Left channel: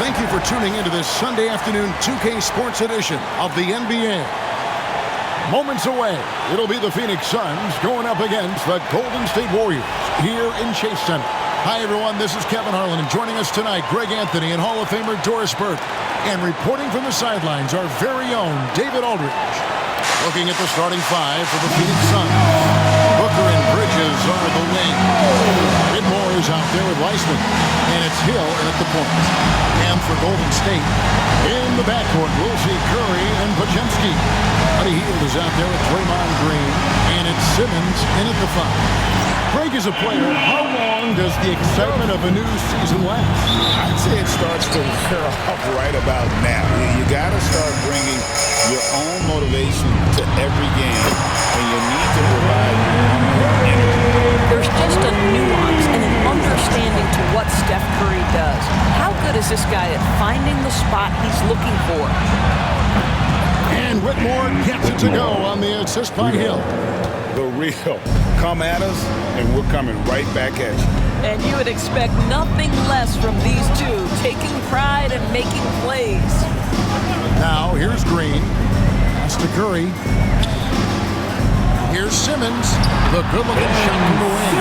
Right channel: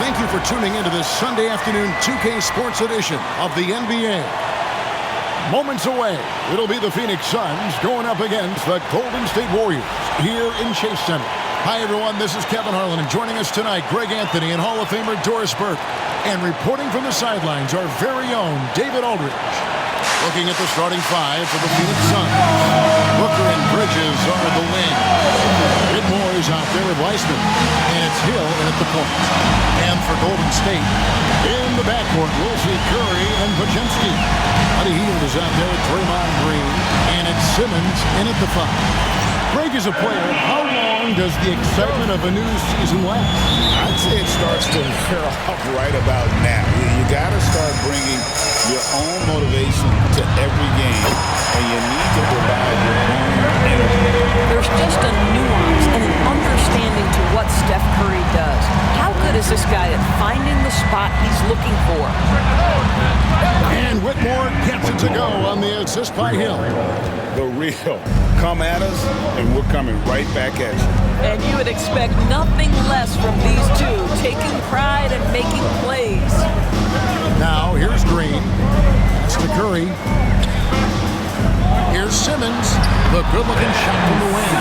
Thank you for tuning into this Sunday afternoon 2K Sports edition of the NBA. Moments away, it'll be the Phoenix Suns going up against the Golden State Warriors here in Chase Center. Hi, everyone. This is Kevin Harlan, and joining us tonight, Greg Anthony and Hall of Famer Doris Burke. And reporting from the sidelines, our very own David Aldridge. Looking at the starting five for the Phoenix Suns. Booker and Bridges are the wings. Whitmore is out there with Weissman. And it's Hill in at the point. And for Golden State, in the backcourt, we'll see Curry and Podziemski. Buddy Hield is out there with Draymond Green. And it's Simmons in at the five. Greg is a player. How long does the excitement of a new season last? I'd say it starts to wear off right about now. You got to start bringing your own motivation to every game, and you need to provide your own energy. There's just a nuance and an understanding to what Steph Curry does. How good is this guy at finding the spot he's looking for? And Whitmore gets it to go on the assist by Hill. The real. Come at us, and we're coming right back at you. And you would expect nothing less from these two, taking pride and making plays. Now, here's Green. Pass to Curry. Here's Simmons. The good-looking shot from the wing.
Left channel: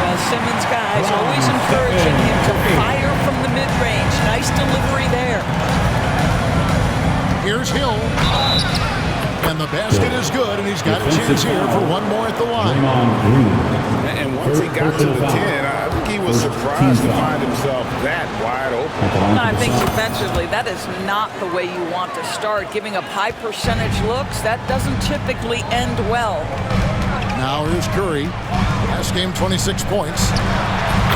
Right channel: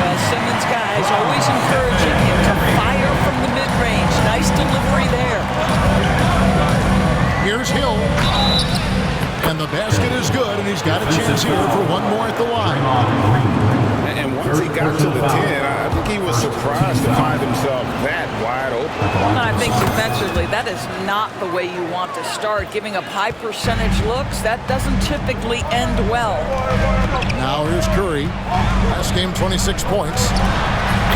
Well, Simmons, guys, always encouraging him to fire from the mid-range. Nice delivery there. Here's Hill. And the basket is good, and he's got a chance here for one more at the line. And once he got to the 10, I think he was surprised to find himself that wide open. I think defensively, that is not the way you want to start. Giving up high percentage looks, that doesn't typically end well. Now here's Curry. Last game, 26 points.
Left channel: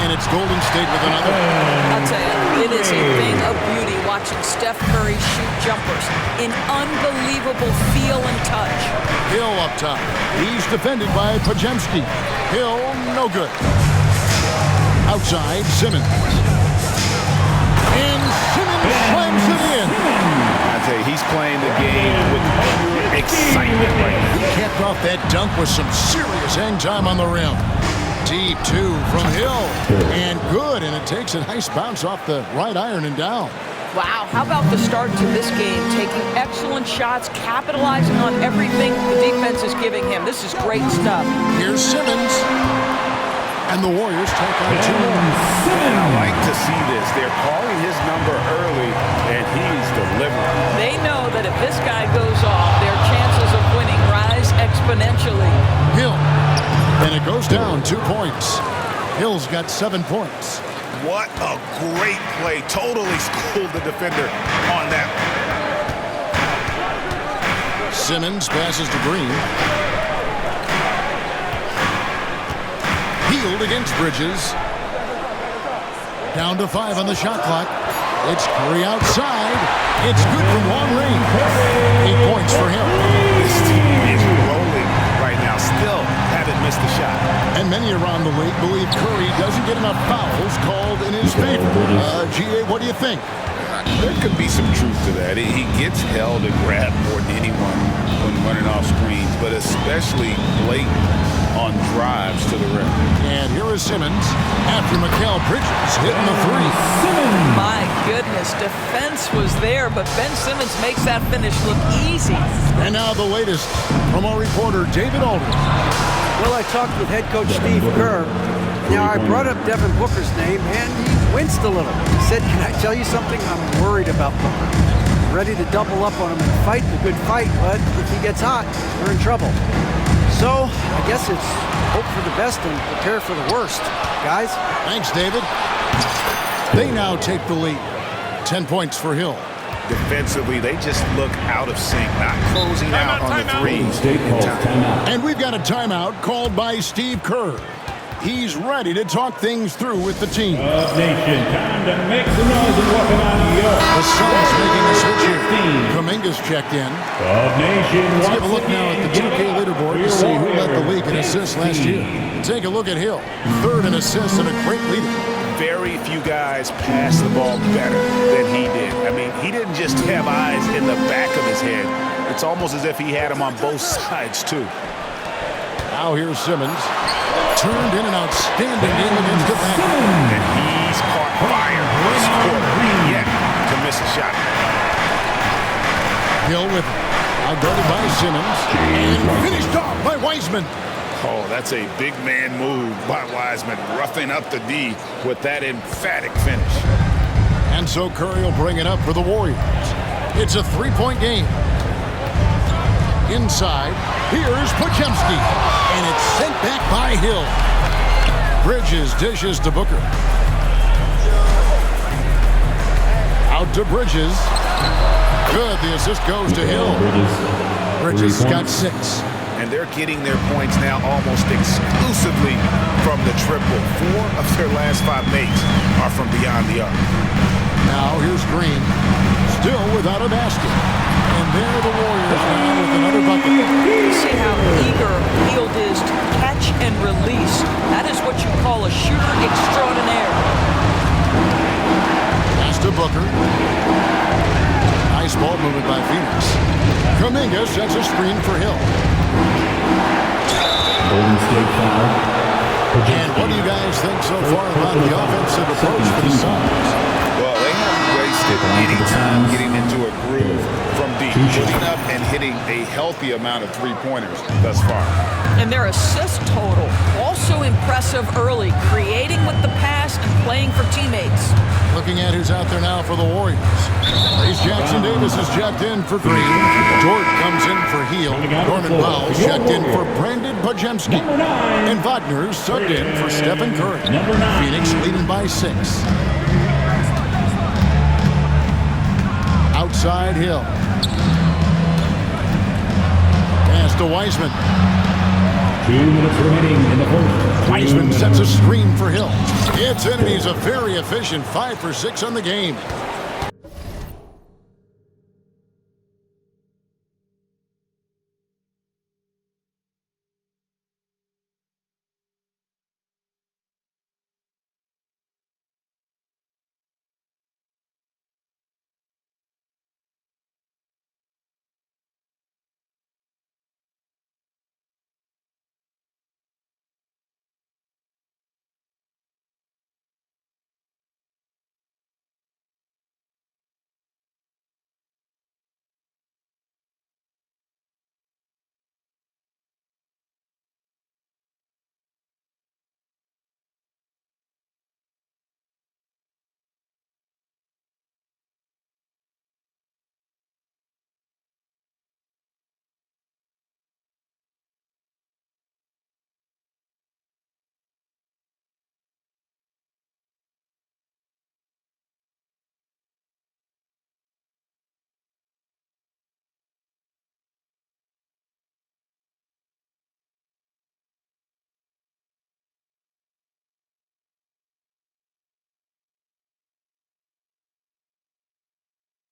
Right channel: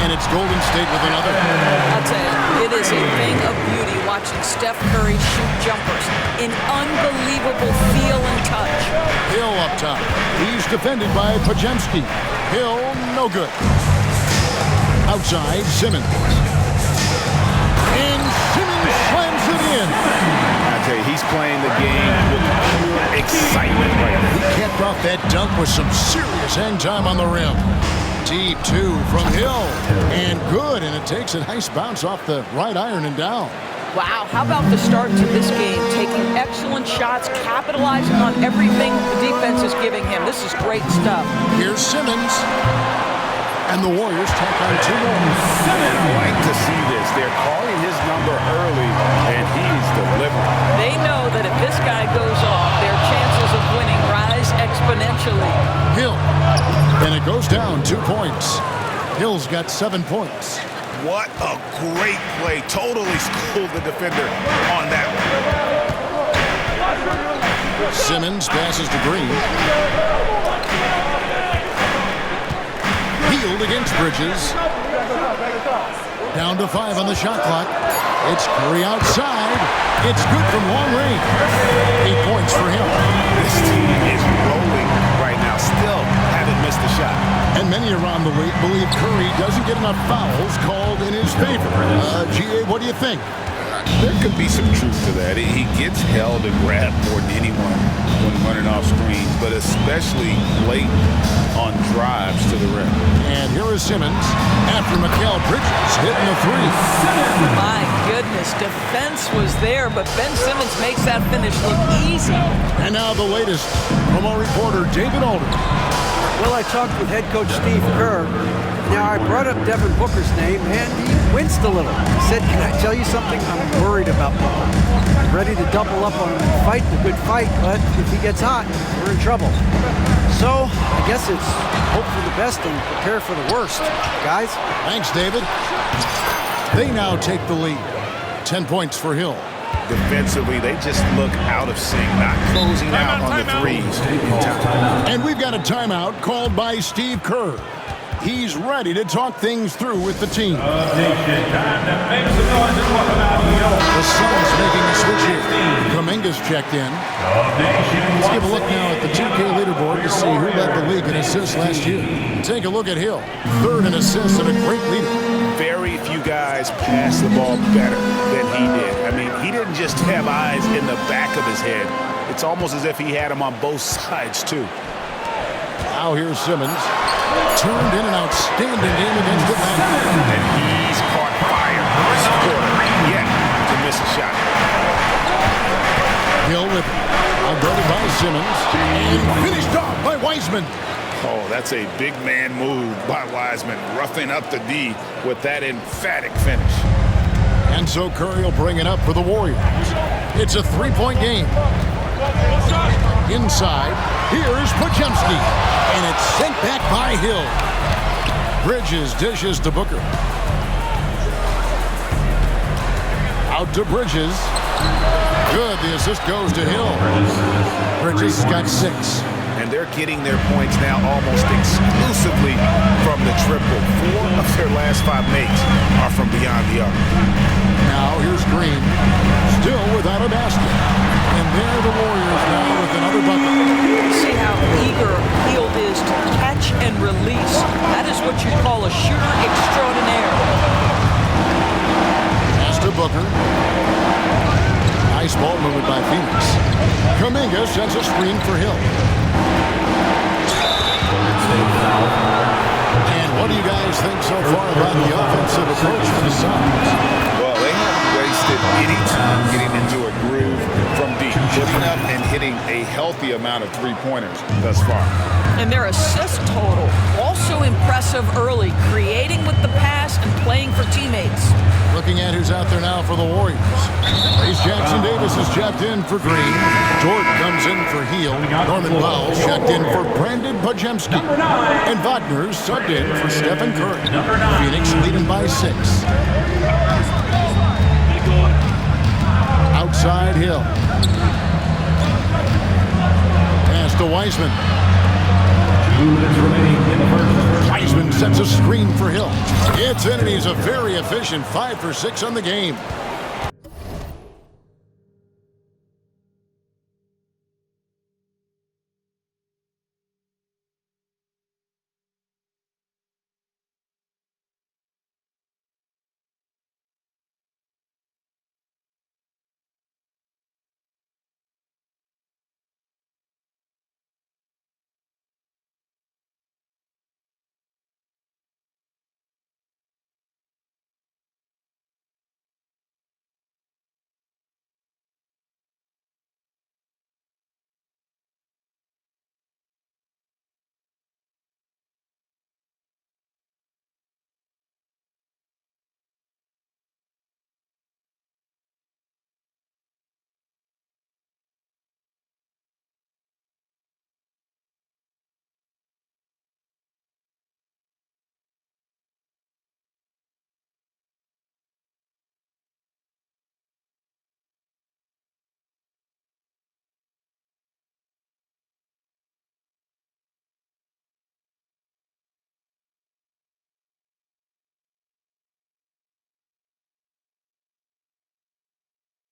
And it's Golden State with another. I'll tell you, it is a thing of beauty watching Steph Curry shoot jumpers. An unbelievable feel and touch. Hill up top. He's defended by Podziemski. Hill, no good. Outside, Simmons. And Simmons slams it in. I tell you, he's playing the game with pure excitement right now. He capped off that dunk with some serious hang time on the rim. Deep two from Hill. And good, and it takes a nice bounce off the right iron and down. Wow, how about the start to this game? Taking excellent shots, capitalizing on everything the defense is giving him. This is great stuff. Here's Simmons. And the Warriors take on two more. And I like to see this. They're calling his number early, and he's delivering. They know that if this guy goes off, their chances of winning rise exponentially. Hill. And it goes down 2 points. Hill's got 7 points. What a great play. Totally schooled the defender on that one. Simmons passes to Green. Hield against Bridges. Down to 5 on the shot clock. It's Curry outside. It's good from long range. 8 points for him. This team is rolling right now. Still haven't missed a shot. And many around the league believe Curry doesn't get enough fouls called in his favor. GA, what do you think? There could be some truth to that. He gets held and grabbed more than anyone when running off screens, but especially late on drives to the rim. And here is Simmons after Mikal Bridges hitting the three. My goodness, defense was there, but Ben Simmons makes that finish look easy. And now the latest from our reporter, David Aldridge. Well, I talked with head coach Steve Kerr. Now, I brought up Devin Booker's name, and he winced a little. He said, can I tell you something? I'm worried about Booker. I'm ready to double up on him and fight the good fight, but if he gets hot, we're in trouble. So, I guess it's hope for the best and prepare for the worst, guys. Thanks, David. They now take the lead. 10 points for Hill. Defensively, they just look out of sync, not closing out on the threes in time. And we've got a timeout called by Steve Kerr. He's ready to talk things through with the team. Nation, time to make some noise and welcome out New York. The Suns making a switch here. Kuminga's checked in. Nation, let's give a look now at the 2K leaderboard to see who led the league in assists last year. Take a look at Hill. 3rd in assists and a great leader. Very few guys pass the ball better than he did. I mean, he didn't just have eyes in the back of his head. It's almost as if he had them on both sides, too. Now here's Simmons. Turned in an outstanding game against Atlanta. And he's caught fire this quarter. Yeah, shot. Hill with it. Outguarded by Simmons. And finished off by Wiseman. Oh, that's a big man move by Wiseman, roughing up the D with that emphatic finish. And so Curry will bring it up for the Warriors. It's a three-point game. Inside, here's Podziemski. And it's sent back by Hill. Bridges dishes to Booker. Out to Bridges. Good, the assist goes to Hill. Bridges has got 6. And they're getting their points now almost exclusively from the triple. 4 of their last 5 makes are from beyond the arc. Now here's Green, still without a basket. And there the Warriors now with another bucket. See how eager Hield is to catch and release. That is what you call a shooter extraordinaire. Pass to Booker. Nice ball movement by Phoenix. Kuminga sets a screen for Hill. And what do you guys think so far about the offensive approach for the Suns? Well, they haven't wasted any time getting into a groove from deep, putting up and hitting a healthy amount of three-pointers thus far. And their assist total, also impressive early, creating with the pass and playing for teammates. Looking at who's out there now for the Warriors. Race Jackson Davis is checked in for Green. Dort comes in for Hield. Norman Powell checked in for Brandon Podziemski. And Wagner's subbed in for Stephen Curry. Phoenix leading by 6. Outside Hill. Pass to Wiseman. 2 minutes remaining in the first. Wiseman sets a screen for Hill. It's in, and he's a very efficient 5 for 6 on the game.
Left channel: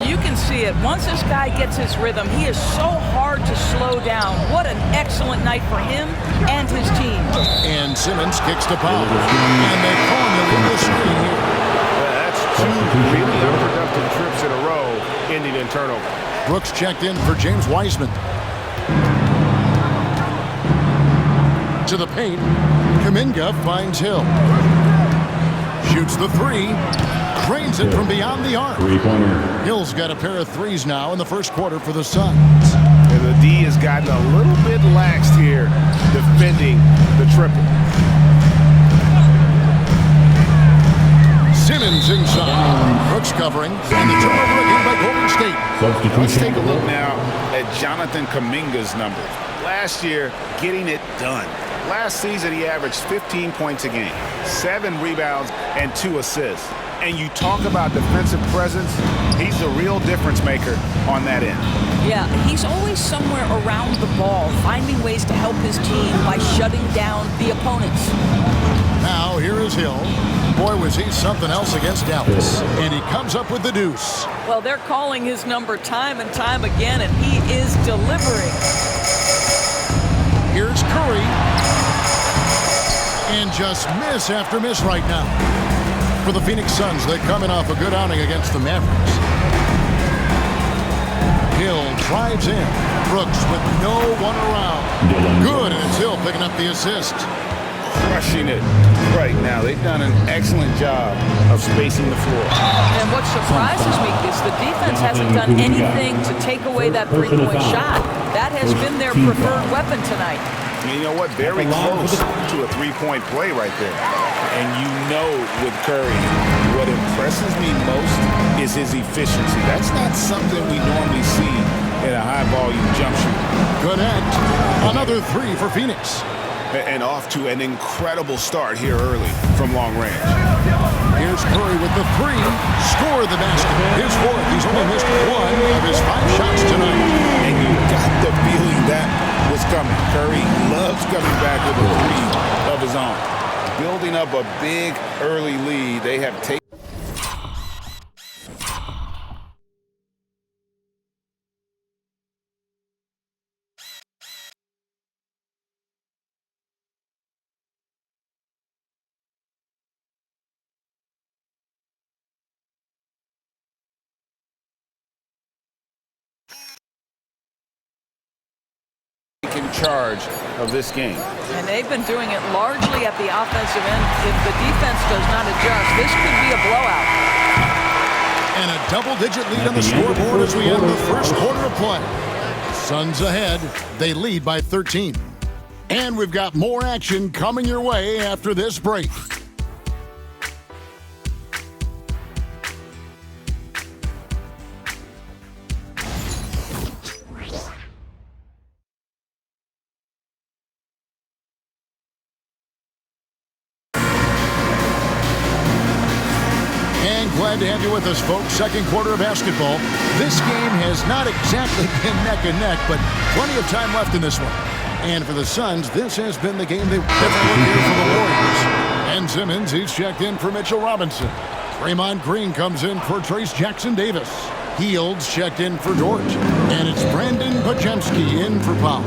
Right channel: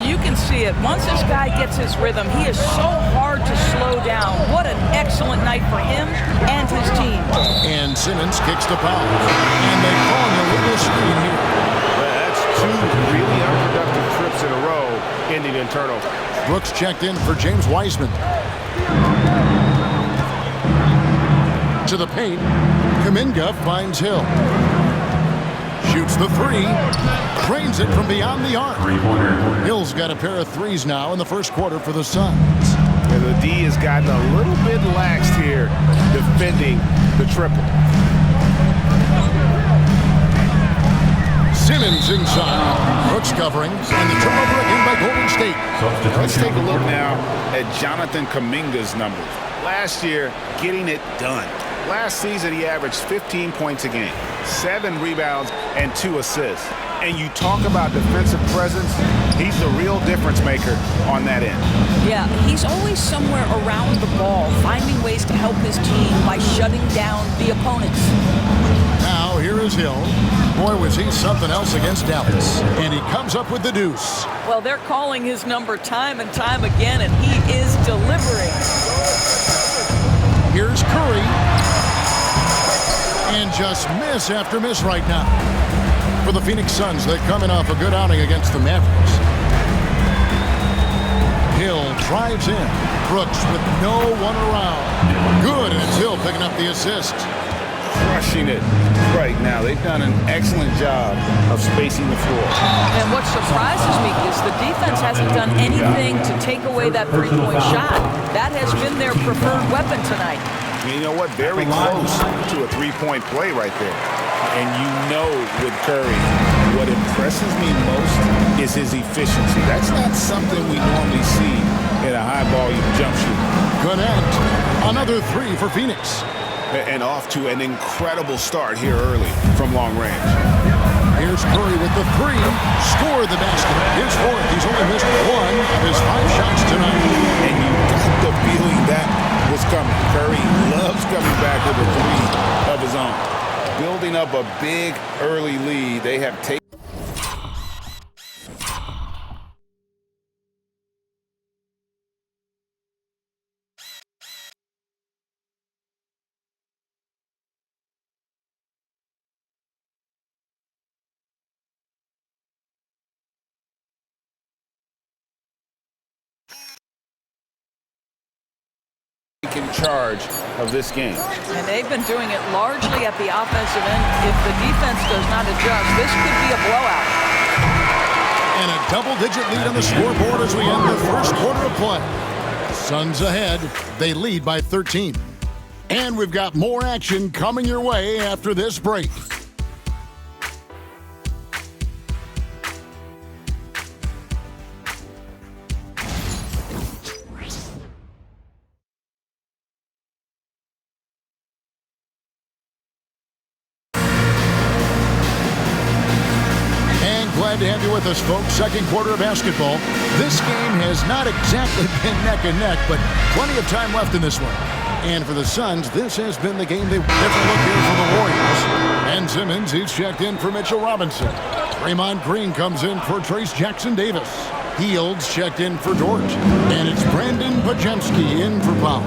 You can see it. Once this guy gets his rhythm, he is so hard to slow down. What an excellent night for him and his team. And Simmons kicks to Powell. And they call him a little screen here. Well, that's 2 really unproductive trips in a row, ending in turnover. Brooks checked in for James Wiseman. To the paint. Kuminga finds Hill. Shoots the 3. Drains it from beyond the arc. Three-pointer. Hill's got a pair of 3s now in the first quarter for the Suns. And the D has gotten a little bit laxed here defending the triple. Simmons inside. Brooks covering. And the turnover again by Golden State. Now let's take a look now at Jonathan Kuminga's numbers. Last year, getting it done. Last season, he averaged 15 points a game, 7 rebounds, and 2 assists. And you talk about defensive presence, he's the real difference maker on that end. Yeah, he's always somewhere around the ball, finding ways to help his team by shutting down the opponents. Now here is Hill. Boy, was he something else against Dallas. And he comes up with the deuce. Well, they're calling his number time and time again, and he is delivering. Here's Curry. And just miss after miss right now. For the Phoenix Suns, they're coming off a good outing against the Mavericks. Hill drives in. Brooks with no one around. Good, and it's Hill picking up the assist. Crushing it Right now, they've done an excellent job of spacing the floor. And what surprises me is the defense hasn't done anything to take away that three-point shot. That has been their preferred weapon tonight. And you know what? Very close to a three-point play right there. And you know with Curry, what impresses me most is his efficiency. That's not something we normally see in a high-volume jump shooter. Connect. Another three for Phoenix. And off to an incredible start here early from long range. Here's Curry with the three. Score the basket. His fourth. He's only missed one of his 5 shots tonight. And you got the feeling that was coming. Curry loves coming back with a three of his own. Building up a big early lead. They have taken. In charge of this game. And they've been doing it largely at the offensive end. If the defense does not adjust, this could be a blowout. And a double-digit lead on the scoreboard as we end the first quarter of play. Suns ahead. They lead by 13. And we've got more action coming your way after this break. Glad to have you with us, folks. Second quarter of basketball. This game has not exactly been neck and neck, but plenty of time left in this one. And for the Suns, this has been the game they've different look here for the Warriors. Ben Simmons, he's checked in for Mitchell Robinson. Draymond Green comes in for Trace Jackson-Davis. Fields checked in for Dort. And it's Brandon Podziemski in for Powell.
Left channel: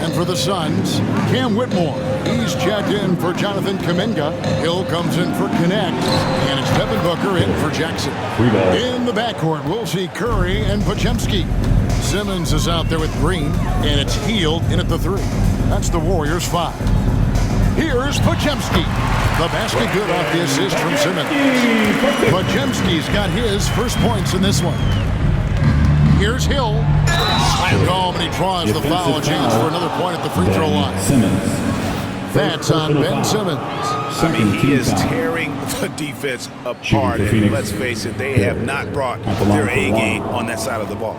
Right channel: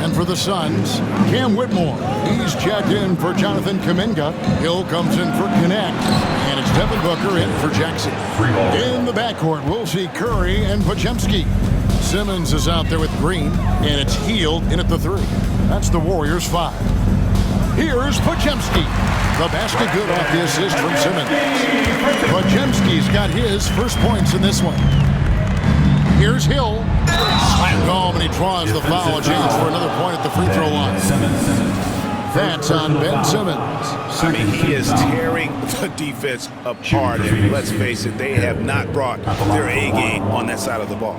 And for the Suns, Cam Whitmore. He's checked in for Jonathan Kuminga. Hill comes in for Connect. And it's Devin Booker in for Jackson. In the backcourt, we'll see Curry and Podziemski. Simmons is out there with Green. And it's Hield in at the 3. That's the Warriors' 5. Here's Podziemski. The basket good off the assist from Simmons. Podziemski's got his first points in this one. Here's Hill. Slammed home, and he draws the foul. A chance for another point at the free throw line. That's on Ben Simmons. I mean, he is tearing the defense apart. And let's face it, they have not brought their A game on that side of the ball.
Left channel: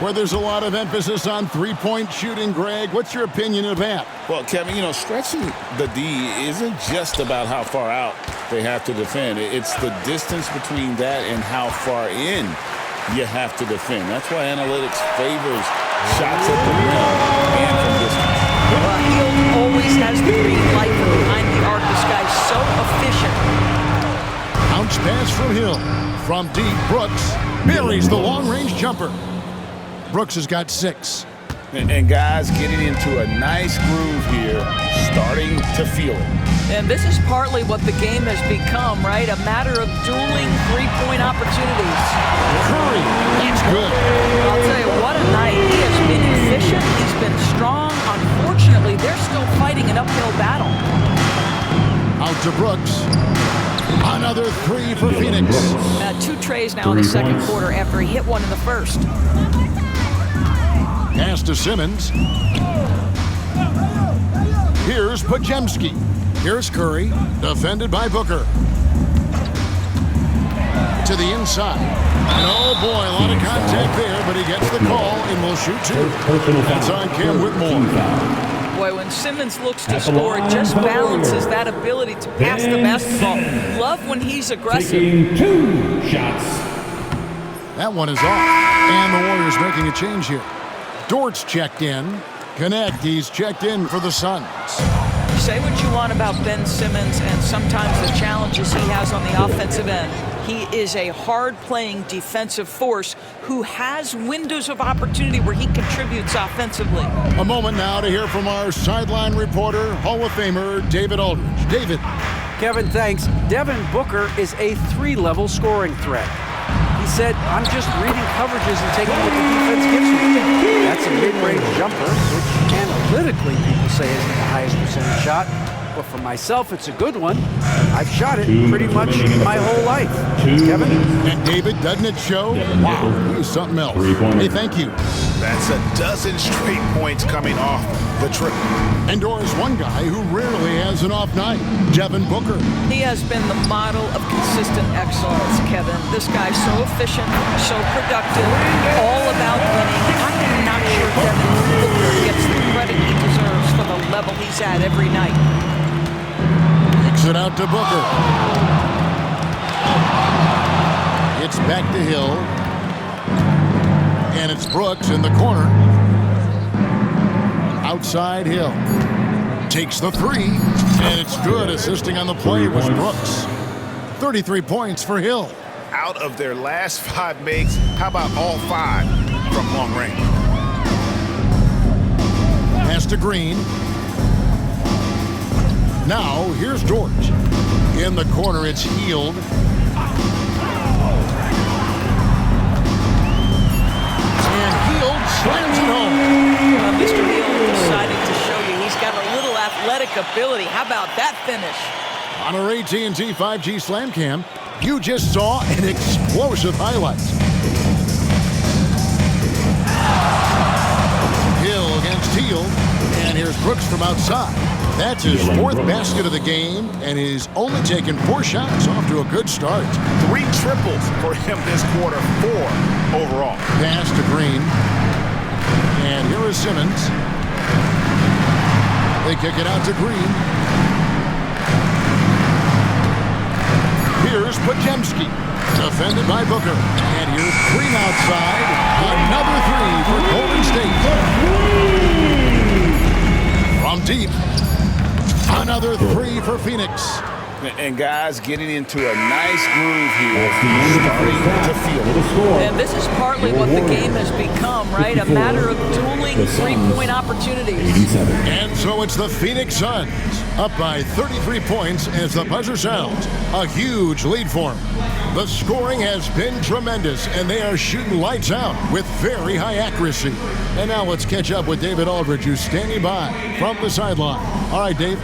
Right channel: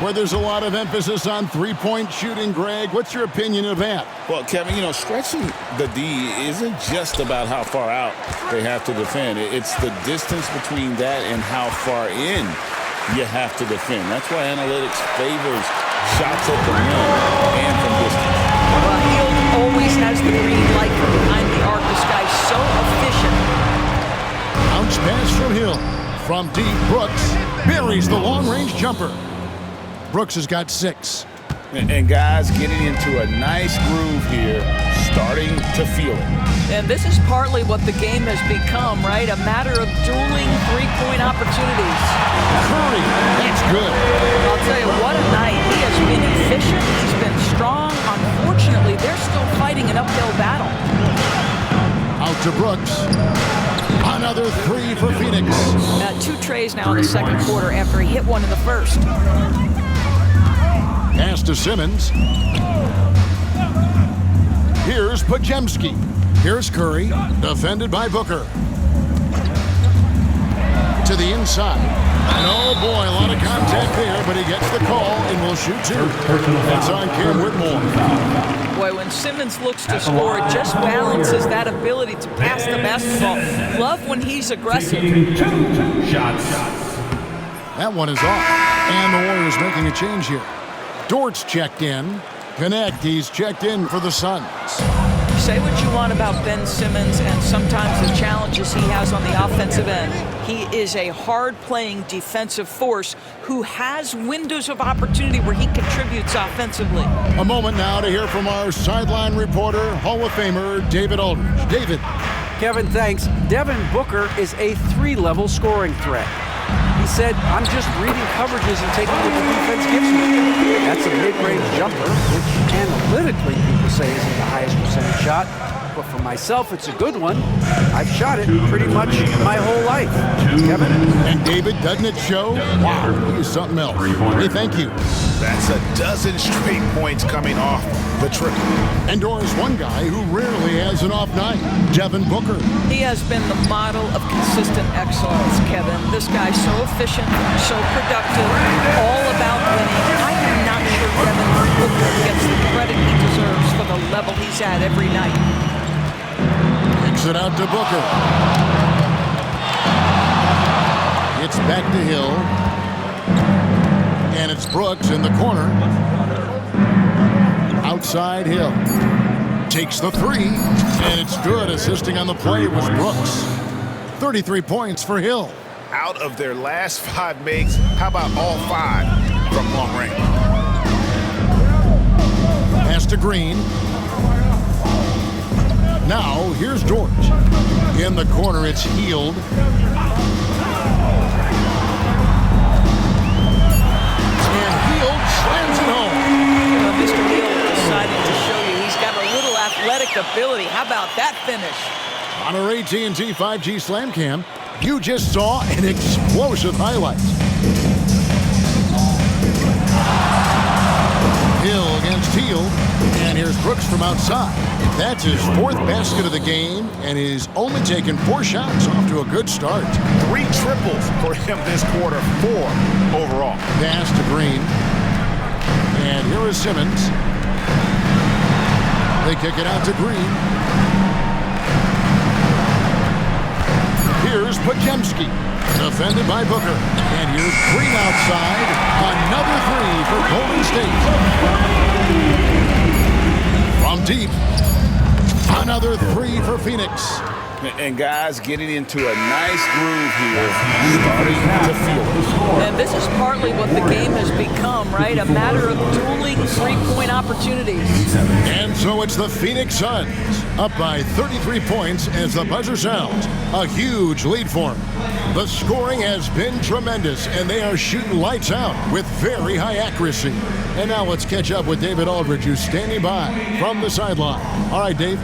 Where there's a lot of emphasis on three-point shooting, Greg. What's your opinion of that? Well, Kevin, you know, stretching the D isn't just about how far out they have to defend. It's the distance between that and how far in you have to defend. That's why analytics favors shots at the rim and from distance. Well, Hield always has the green light from behind the arc. This guy's so efficient. Bounce pass from Hill. From deep, Brooks buries the long-range jumper. Brooks has got 6. And guys getting into a nice groove here, starting to feel it. And this is partly what the game has become, right? A matter of dueling three-point opportunities. Curry, that's good. I'll tell you, what a night. He has been efficient. He's been strong. Unfortunately, they're still fighting an uphill battle. Out to Brooks. Another 3 for Phoenix. 2 trays now in the second quarter after he hit one in the first. Pass to Simmons. Here's Podziemski. Here's Curry, defended by Booker. To the inside. And oh boy, a lot of contact there, but he gets the call and will shoot 2. That's on Cam Whitmore. Boy, when Simmons looks to score, it just balances that ability to pass the basketball. Love when he's aggressive. Taking 2 shots. That one is off. And the Warriors making a change here. Dort's checked in. Connect, he's checked in for the Suns. Say what you want about Ben Simmons and sometimes the challenges he has on the offensive end. He is a hard-playing defensive force who has windows of opportunity where he contributes offensively. A moment now to hear from our sideline reporter, Hall of Famer David Aldridge. David. Kevin, thanks. Devin Booker is a 3-level scoring threat. He said, I'm just reading coverages and taking what the defense gives me. That's a mid-range jumper, which analytically people say isn't the highest percentage shot. But for myself, it's a good one. I've shot it pretty much my whole life. Kevin? And David, doesn't it show? Wow, he's something else. Hey, thank you. That's a dozen straight points coming off the triple. And Doris, one guy who rarely has an off night, Devin Booker. He has been the model of consistent excellence, Kevin. This guy's so efficient, so productive, all about winning. I am not sure Devin Booker gets the credit he deserves for the level he's at every night. Kicks it out to Booker. It's back to Hill. And it's Brooks in the corner. Outside Hill. Takes the three. And it's good. Assisting on the play was Brooks. 33 points for Hill. Out of their last 5 makes, how about all 5 from long range? Pass to Green. Now, here's George. In the corner, it's Healed. And Healed slams it home. Mr. Heald deciding to show you he's got a little athletic ability. How about that finish? On our AT&T 5G Slam Cam, you just saw an explosive highlight. Hill against Healed. And here's Brooks from outside. That's his 4th basket of the game, and he's only taken 4 shots. Off to a good start. 3 triples for him this quarter, 4 overall. Pass to Green. And here is Simmons. They kick it out to Green. Here's Podziemski. Defended by Booker. And here's Green outside. Another 3 for Golden State. From deep. Another 3 for Phoenix. And guys getting into a nice groove here, starting to feel it. And this is partly what the game has become, right? A matter of dueling three-point opportunities. And so it's the Phoenix Suns, up by 33 points as the buzzer sounds. A huge lead for them. The scoring has been tremendous, and they are shooting lights out with very high accuracy. And now let's catch up with David Aldridge, who's standing by from the sideline. All right, Dave.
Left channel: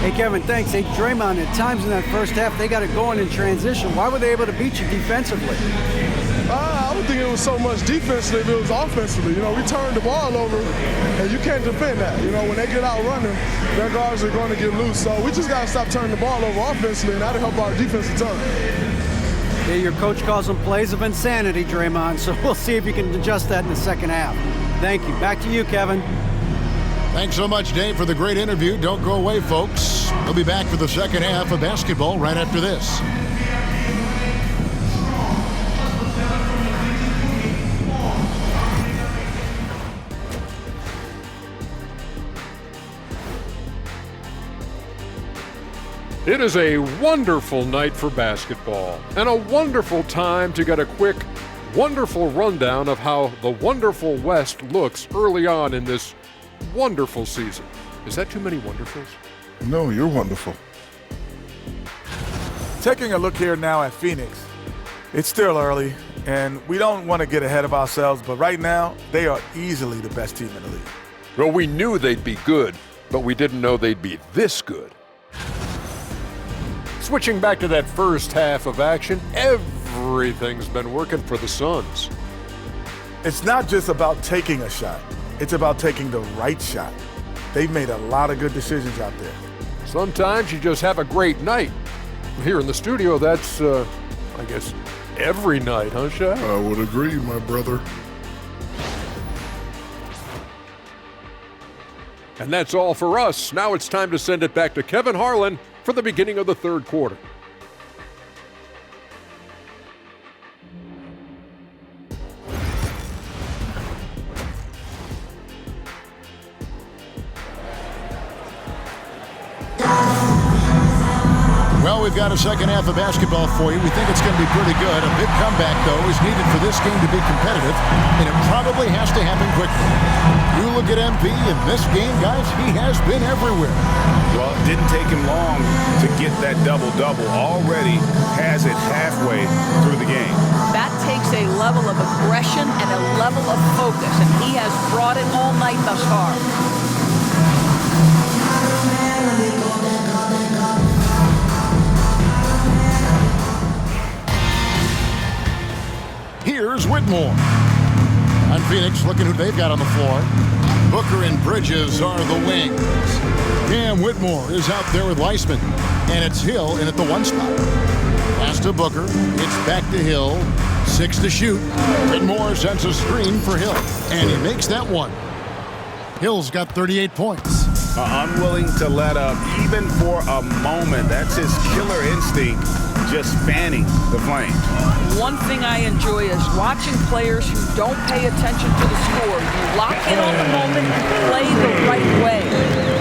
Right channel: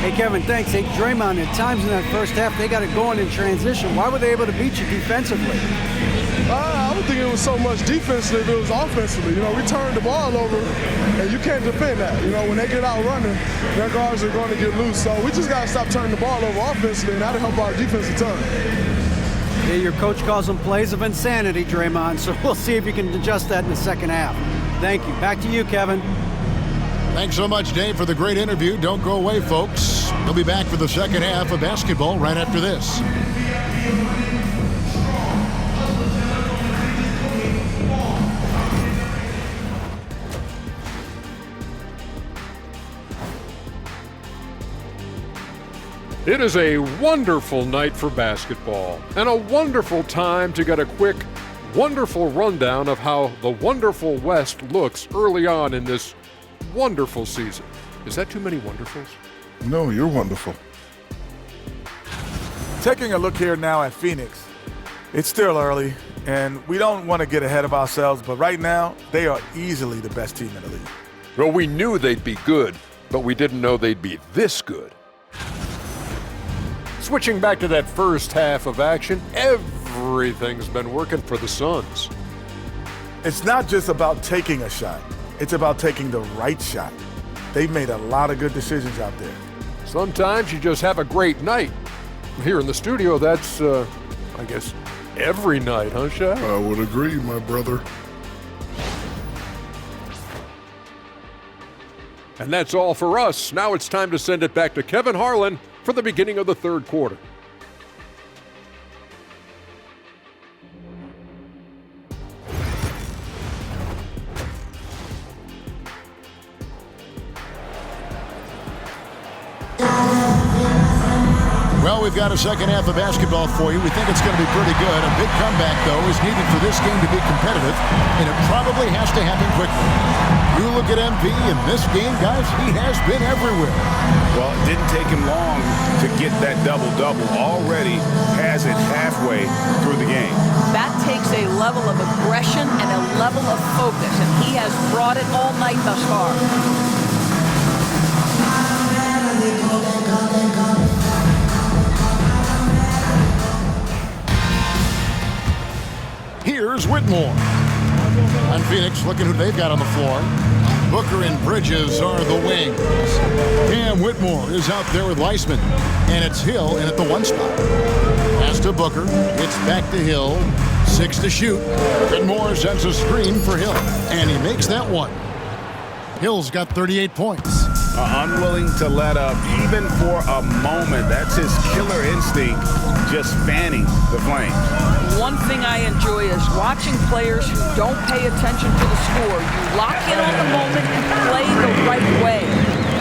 Hey, Kevin, thanks. Hey, Draymond, at times in that first half, they got it going in transition. Why were they able to beat you defensively? I don't think it was so much defensively, it was offensively. You know, we turned the ball over, and you can't defend that. You know, when they get out running, their guards are going to get loose. So we just got to stop turning the ball over offensively, and that'll help our defense a ton. Yeah, your coach calls them plays of insanity, Draymond, so we'll see if you can adjust that in the second half. Thank you. Back to you, Kevin. Thanks so much, Dave, for the great interview. Don't go away, folks. We'll be back for the second half of basketball right after this. It is a wonderful night for basketball and a wonderful time to get a quick, wonderful rundown of how the wonderful West looks early on in this wonderful season. Is that too many wonderfuls? No, you're wonderful. Taking a look here now at Phoenix, it's still early, and we don't want to get ahead of ourselves, but right now, they are easily the best team in the league. Well, we knew they'd be good, but we didn't know they'd be this good. Switching back to that first half of action, everything's been working for the Suns. It's not just about taking a shot. It's about taking the right shot. They've made a lot of good decisions out there. Sometimes you just have a great night. Here in the studio, that's, I guess, every night, huh, Shaq? I would agree, my brother. And that's all for us. Now it's time to send it back to Kevin Harlan for the beginning of the third quarter. Well, we've got a second half of basketball for you. We think it's going to be pretty good. A big comeback, though, is needed for this game to be competitive, and it probably has to happen quickly. You look at MP in this game, guys, he has been everywhere. Well, it didn't take him long to get that double-double. Already has it halfway through the game. That takes a level of aggression and a level of focus, and he has brought it all night thus far. Here's Whitmore. On Phoenix, looking who they've got on the floor. Booker and Bridges are the wings. Cam Whitmore is out there with Weissman. And it's Hill in at the 1 spot. Pass to Booker. It's back to Hill. 6 to shoot. Whitmore sends a screen for Hill. And he makes that one. Hill's got 38 points. Unwilling to let up even for a moment. That's his killer instinct, just fanning the flames. One thing I enjoy is watching players who don't pay attention to the score. You lock in on the moment and play the right way.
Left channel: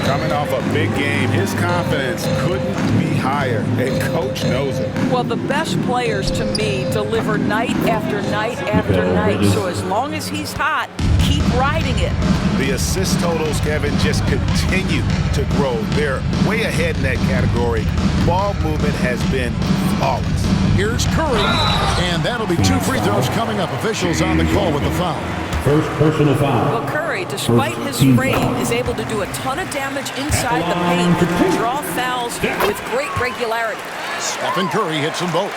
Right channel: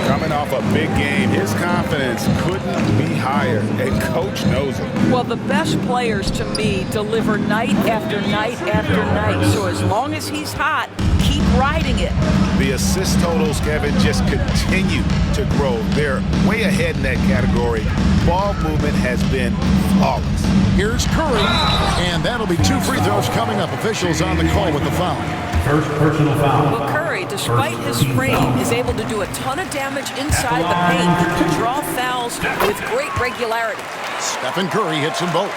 Coming off a big game, his confidence couldn't be higher, and Coach knows it. Well, the best players, to me, deliver night after night after night. So as long as he's hot, keep riding it. The assist totals, Kevin, just continue to grow. They're way ahead in that category. Ball movement has been flawless. Here's Curry, and that'll be 2 free throws coming up. Officials on the call with the foul. First personal foul. Well, Curry, despite his frame, is able to do a ton of damage inside the paint and draw fouls with great regularity. Stephen Curry hits them both.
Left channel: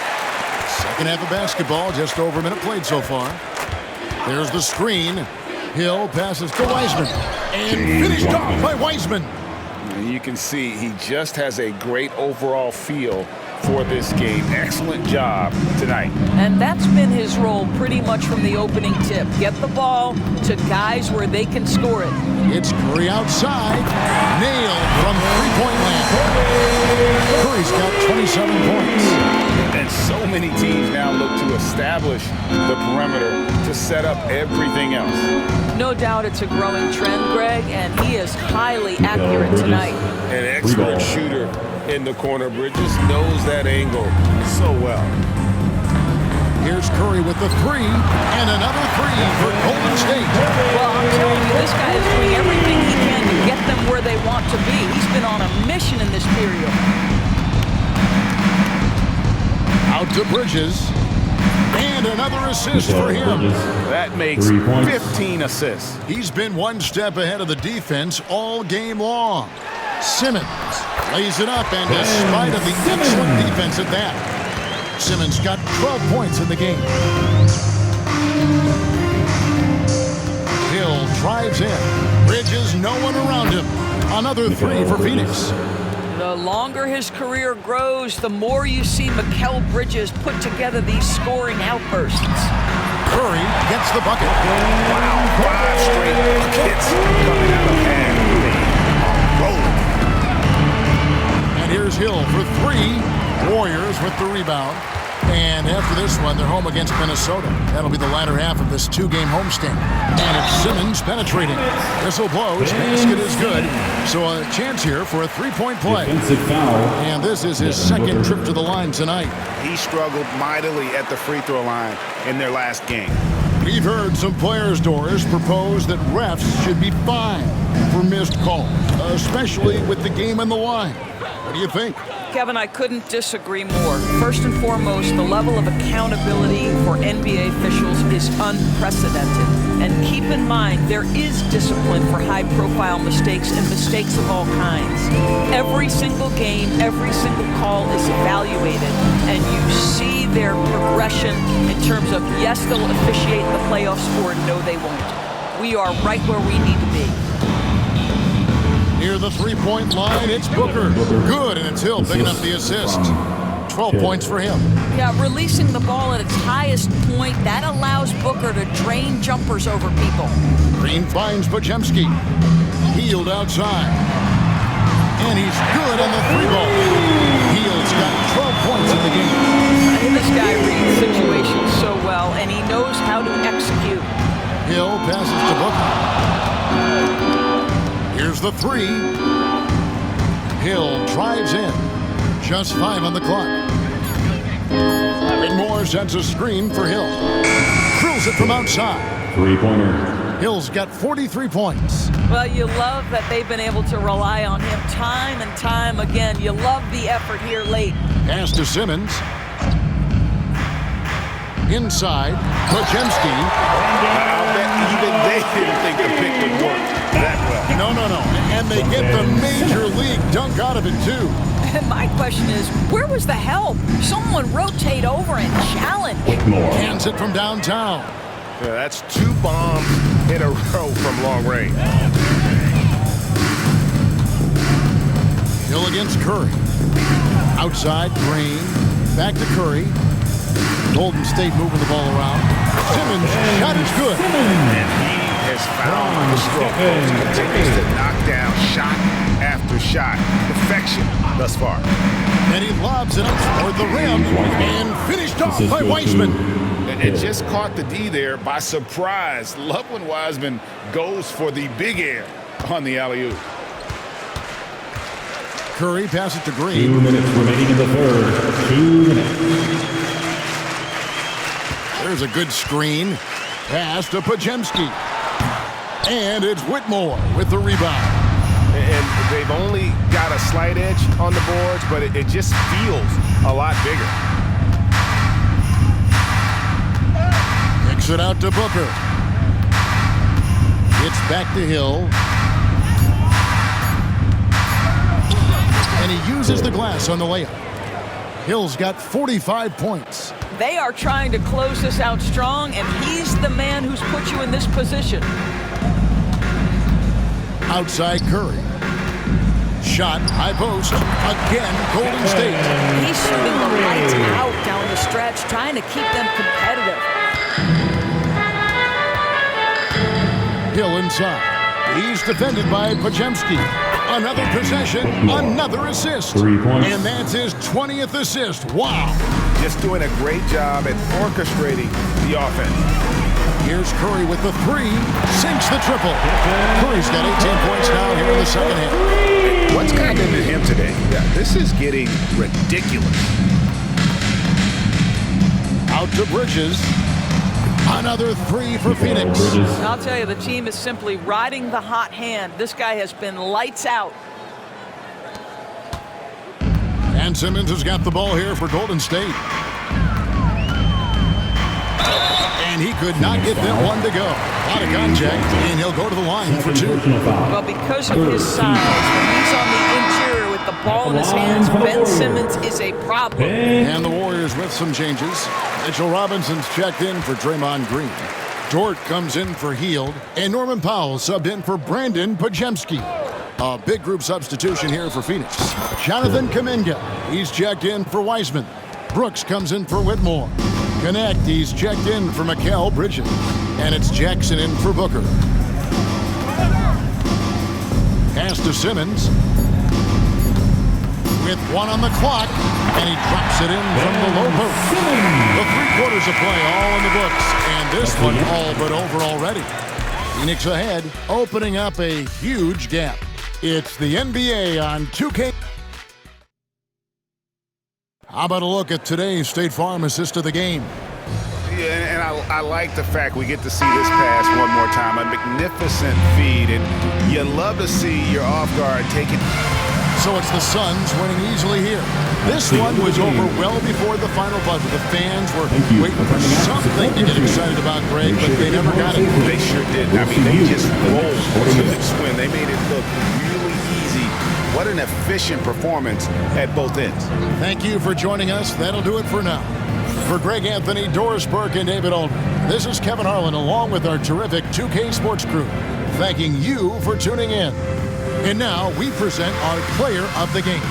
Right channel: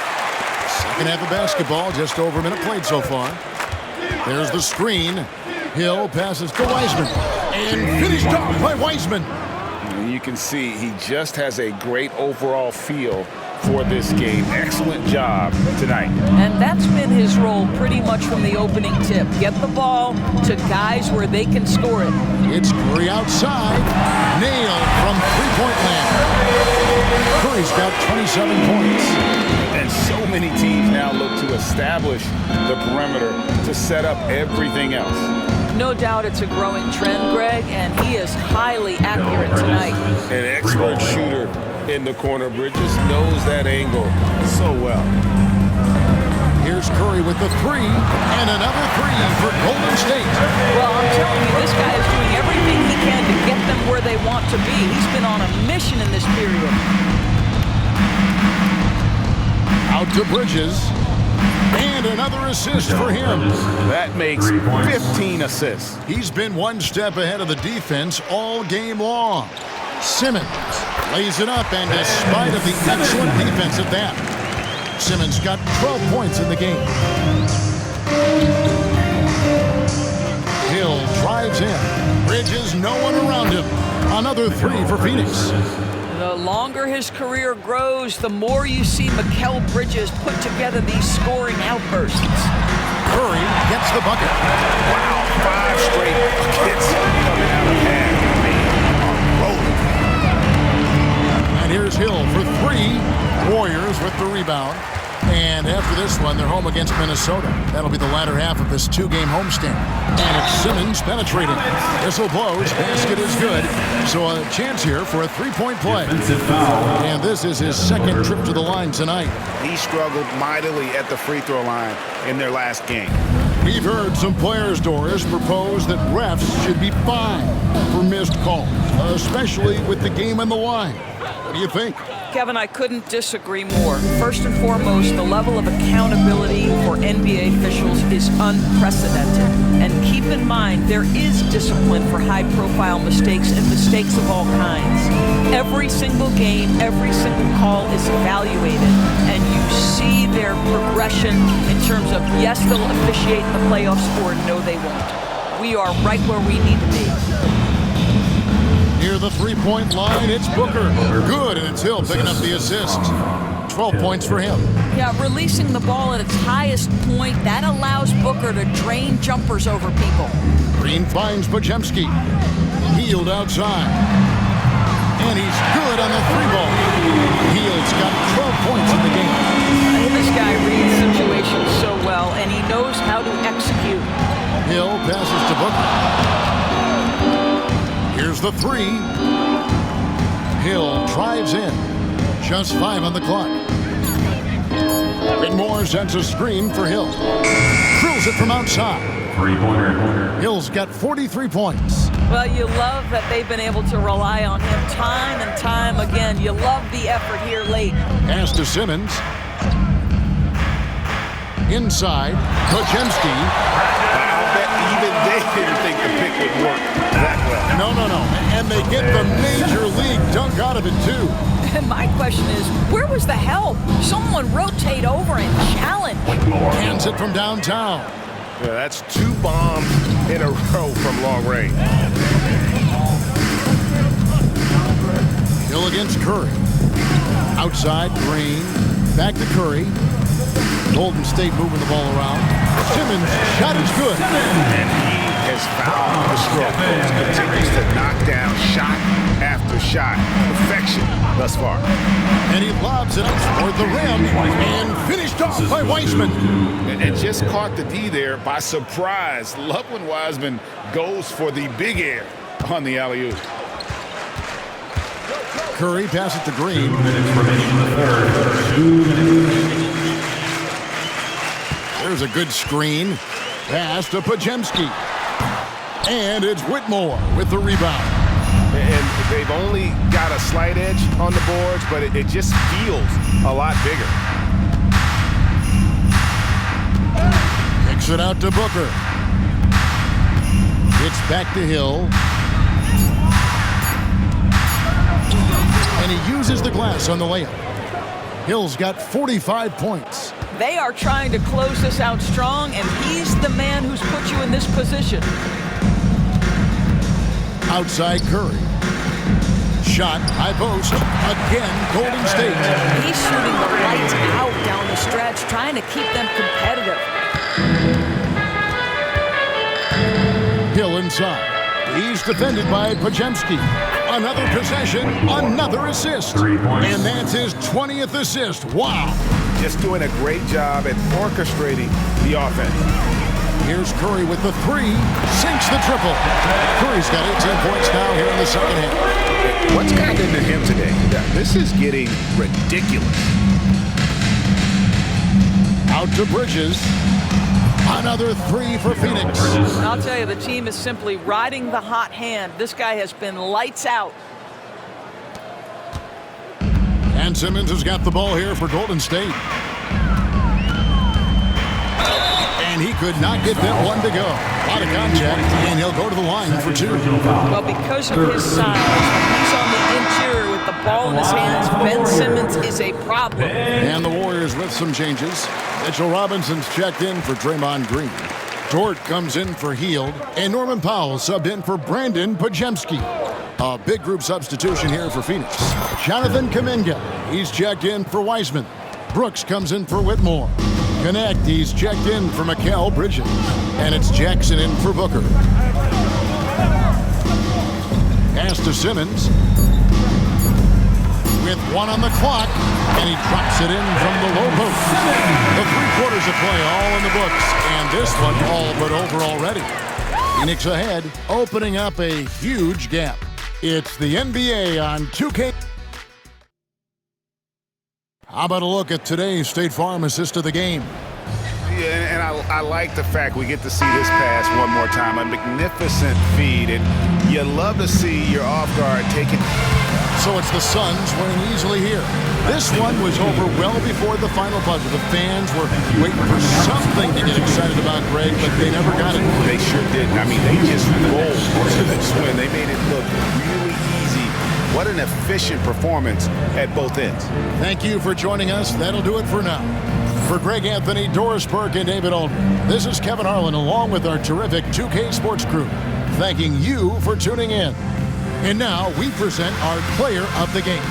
Second half of basketball, just over a minute played so far. There's the screen. Hill passes to Weissman, and finished off by Weissman. You can see he just has a great overall feel for this game. Excellent job tonight. And that's been his role pretty much from the opening tip. Get the ball to guys where they can score it. It's Curry outside. Nailed from three-point land. Curry's got 27 points. And so many teams now look to establish the perimeter to set up everything else. No doubt it's a growing trend, Greg, and he is highly accurate tonight. An expert shooter in the corner. Bridges knows that angle so well. Here's Curry with the 3, and another 3 for Golden State. Well, I'm telling you, this guy is doing everything he can to get them where they want to be. He's been on a mission in this period. Out to Bridges. And another assist for him. That makes 15 assists. He's been one step ahead of the defense all game long. Simmons lays it up, and despite of the excellent defense at that, Simmons got 12 points in the game. Hill drives in. Bridges, no one around him. Another 3 for Phoenix. The longer his career grows, the more you see Mikal Bridges put together these scoring outbursts. Curry gets the bucket. Wow, 5 straight buckets coming out of hand. They are rolling. And here's Hill for 3. Warriors with the rebound. And after this one, they're home against Minnesota. That'll be the latter half of this 2-game homestand. And it's Simmons penetrating. Whistle blows. Basket is good. So a chance here for a 3-point play. Defensive foul. And this is his second trip to the line tonight. He struggled mightily at the free throw line in their last game. We've heard some players, Doris, propose that refs should be fined for missed calls, especially with the game on the line. What do you think? Kevin, I couldn't disagree more. First and foremost, the level of accountability for NBA officials is unprecedented. And keep in mind, there is discipline for high-profile mistakes and mistakes of all kinds. Every single game, every single call is evaluated, and you see their progression in terms of, yes, they'll officiate in the playoffs, or no, they won't. We are right where we need to be. Near the 3-point line, it's Booker. Good, and it's Hill picking up the assist. 12 points for him. Yeah, releasing the ball at its highest point, that allows Booker to drain jumpers over people. Green finds Podziemski. Healed outside. And he's good on the 3-ball. Heald's got 12 points in the game. This guy reads situations so well, and he knows how to execute. Hill passes to Booker. Here's the 3. Hill drives in. Just 5 on the clock. Whitmore sends a screen for Hill. Drills it from outside. Three-pointer. Hill's got 43 points. Well, you love that they've been able to rely on him time and time again. You love the effort here late. Pass to Simmons. Inside, Podziemski. I'll bet even they didn't think the pick would work that well. No. And they get the major league dunk out of it, too. And my question is, where was the help? Someone rotate over and challenge. Hands it from downtown. Yeah, that's 2 bombs in a row from long range. Hill against Curry. Outside, Green. Back to Curry. Golden State moving the ball around. Simmons, shot is good. And he has found the stroke, folks. Continues to knock down shot after shot. Perfection thus far. And he lobs it up toward the rim and finished off by Wiseman. And just caught the D there by surprise. Love when Wiseman goes for the big air on the alley-oop. Curry passes to Green. 2 minutes remaining in the third. 2 minutes. There's a good screen. Pass to Podziemski. And it's Whitmore with the rebound. And they've only got a slight edge on the boards, but it just feels a lot bigger. Kicks it out to Booker. It's back to Hill. And he uses the glass on the layup. Hill's got 45 points. They are trying to close this out strong, and he's the man who's put you in this position. Outside Curry. Shot, high post. Again, Golden State. He's shooting the lights out down the stretch, trying to keep them competitive. Hill inside. He's defended by Podziemski. Another possession, another assist. 3 points. And that's his 20th assist. Wow. Just doing a great job at orchestrating the offense. Here's Curry with the 3. Sinks the triple. Curry's got 18 points now here in the second half. What's gotten into him today? This is getting ridiculous. Out to Bridges. Another 3 for Phoenix. I'll tell you, the team is simply riding the hot hand. This guy has been lights out. And Simmons has got the ball here for Golden State. And he could not get that one to go. A lot of contact, and he'll go to the line for 2. Well, because of his size, when he's on the interior with the ball in his hands, Ben Simmons is a problem. And the Warriors with some changes. Mitchell Robinson's checked in for Draymond Green. Dort comes in for Hield, and Norman Powell subbed in for Brandon Podziemski. A big group substitution here for Phoenix. Jonathan Kuminga, he's checked in for Wiseman. Brooks comes in for Whitmore. Connect, he's checked in for Mikal Bridges. And it's Jackson in for Booker. Pass to Simmons. With 1 on the clock, and he drops it in from the low post. The 3 quarters of play all in the books, and this one all but over already. Phoenix ahead, opening up a huge gap. It's the NBA on 2K. How about a look at today's State Farm assist of the game? Yeah, and I like the fact we get to see this pass one more time. A magnificent feed, and you love to see your off guard take it. So it's the Suns winning easily here. This one was over well before the final buzzer. The fans were waiting for something to get excited about, Greg, but they never got it. They sure didn't. I mean, they just rolled to this win. They made it look really easy. What an efficient performance at both ends. Thank you for joining us. That'll do it for now. For Greg Anthony, Doris Burke, and David Aldridge, this is Kevin Harlan along with our terrific 2K Sports crew, thanking you for tuning in. And now we present our player of the game.